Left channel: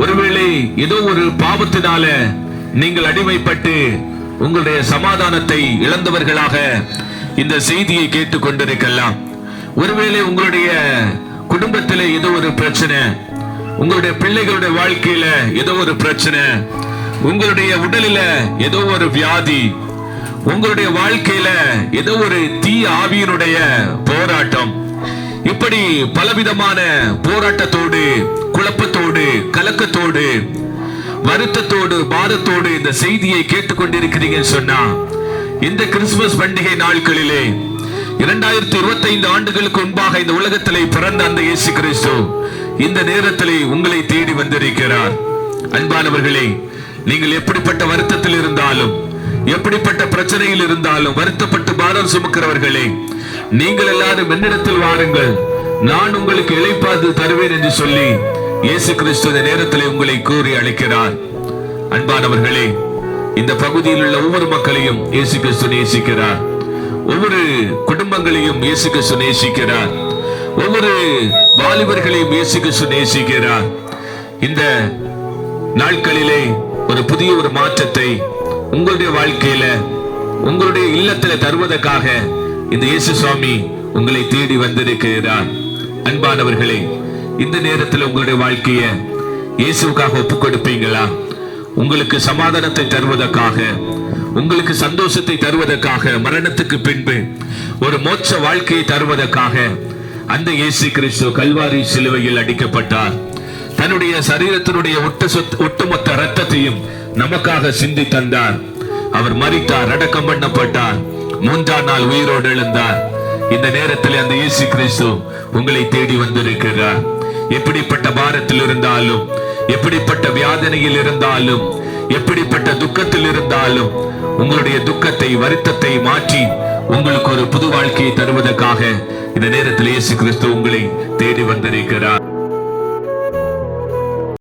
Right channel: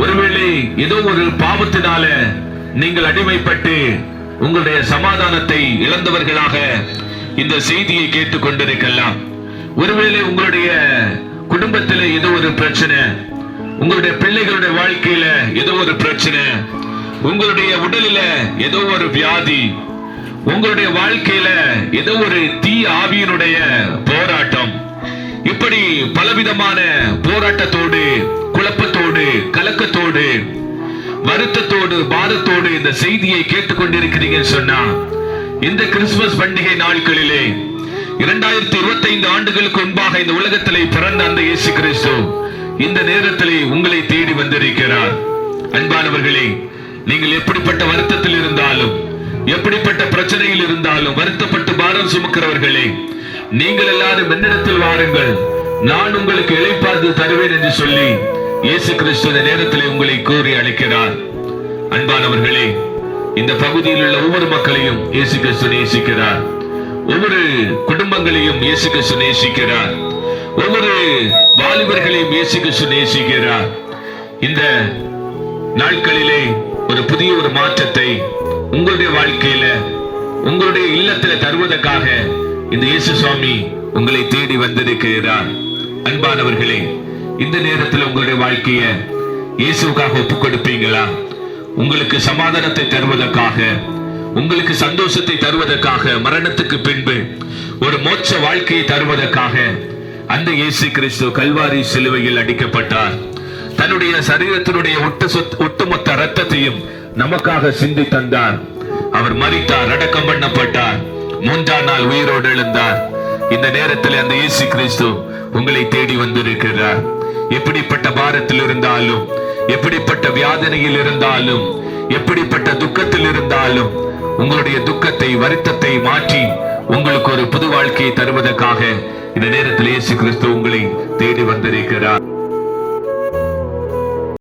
ஒருவேளை ஏதோ ஒரு பாவத்தினால நீங்கள் அடிமைப்பட்டு உங்களுடைய சமாதானத்தை இழந்தவர்களாக இந்த செய்தியை கேட்டுக் கொண்டிருக்கலாம். ஒருவேளை உங்களுடைய குடும்பத்திலே ஏதோ ஒரு பிரச்சனை, உங்களுடைய பிள்ளைகளுடைய வாழ்க்கையில ஏதோ ஒரு பிரச்சனை, உங்களுடைய உடலில ஏதோ ஒரு வியாதி, உங்களுடைய வாழ்க்கையில ஏதோ ஒரு தீ ஆவியினுடைய போராட்டம், இப்படி பலவிதமான போராட்டத்தோடு, குழப்பத்தோடு, கலக்கத்தோடு, வருத்தத்தோடு, பாரத்தோடு இந்த செய்தியை கேட்டுக்கொண்டிருக்கிறீங்கன்னு சொன்னா, இந்த கிறிஸ்துமஸ் பண்டிகை நாட்களிலே 2025 ஆண்டுகளுக்கு முன்பாக இந்த உலகத்திலே பிறந்த அந்த இயேசு கிறிஸ்து இந்த நேரத்திலே உங்களை தேடி வந்திருக்கிறார். அன்பானவர்களே, நீங்கள் எப்படிப்பட்ட வருத்தத்தில் இருந்தாலும், எப்படிப்பட்ட பிரச்சனையில் இருந்தாலும், வருத்தப்பட்டு பாரம் சுமக்கிறவர்களே, நீங்கள் எல்லாரும் என்னிடத்தில் வாருங்கள், நான் உங்களுக்கு இளைப்பாறுதல் தருவேன் என்று சொல்லி இயேசு கிறிஸ்து இந்த நேரத்திலே உங்களை கூறி அழைக்கிறார். அன்பானவர்களே, இந்த பகுதியில் உள்ள ஒவ்வொரு மக்களையும் இயேசு கிறிஸ்து நேசிக்கிறார். ஒவ்வொரு குடும்பங்களையும் இயேசு கிறிஸ்து நேசிக்கிறார். ஒவ்வொரு வாலிபர்களையும் இயேசு கிறிஸ்து நேசிக்கிறார். இந்த நாட்களிலே ஒரு புதிய ஒரு மாற்றத்தை உங்களுடைய வாழ்க்கையில, உங்களுடைய இல்லத்துல தருவதற்காக இந்த இயேசு சுவாமி உங்களை தேடி வந்திருக்கிறார். அன்பானவர்களே, இந்த நேரத்தில் உங்களுடைய வாழ்க்கைய இயேசுவுக்காக ஒப்புக் கொடுப்பீங்களா? உங்களுக்கு சமாதானத்தை தருவதற்காக, உங்களுக்கு சந்தோஷத்தை தருவதற்காக, மரணத்துக்கு பின்பு ஒரு மோட்ச வாழ்க்கையை தருவதற்காக அந்த இயேசு கிறிஸ்து கல்வாரி சிலுவையில் அடிக்கப்பட்டார். தன்னுடைய சரீரத்தினுடைய ஒட்டுமொத்த ரத்தத்தையும் நமக்காக சிந்தி தந்தார். அவர் மரித்தார், அடக்கம் பண்ணப்பட்டார், 3ஆம் நாள் உயிரோடு எழுந்தார். இந்த நேரத்தில் அந்த இயேசு கிறிஸ்து உங்களை தேடி வந்திருக்கிறார். எப்படிப்பட்ட பாரத்தில் இருந்தாலும், எப்படிப்பட்ட வியாதனையில் இருந்தாலும், எப்படிப்பட்ட துக்கத்தில் இருந்தாலும், உங்களுடைய துக்கத்தை, வருத்தத்தை மாற்றி உங்களுக்கு ஒரு புது வாழ்க்கையை தருவதற்காக இந்த நேரத்தில் இயேசு கிறிஸ்து உங்களை தேடி வந்திருக்கிறார்.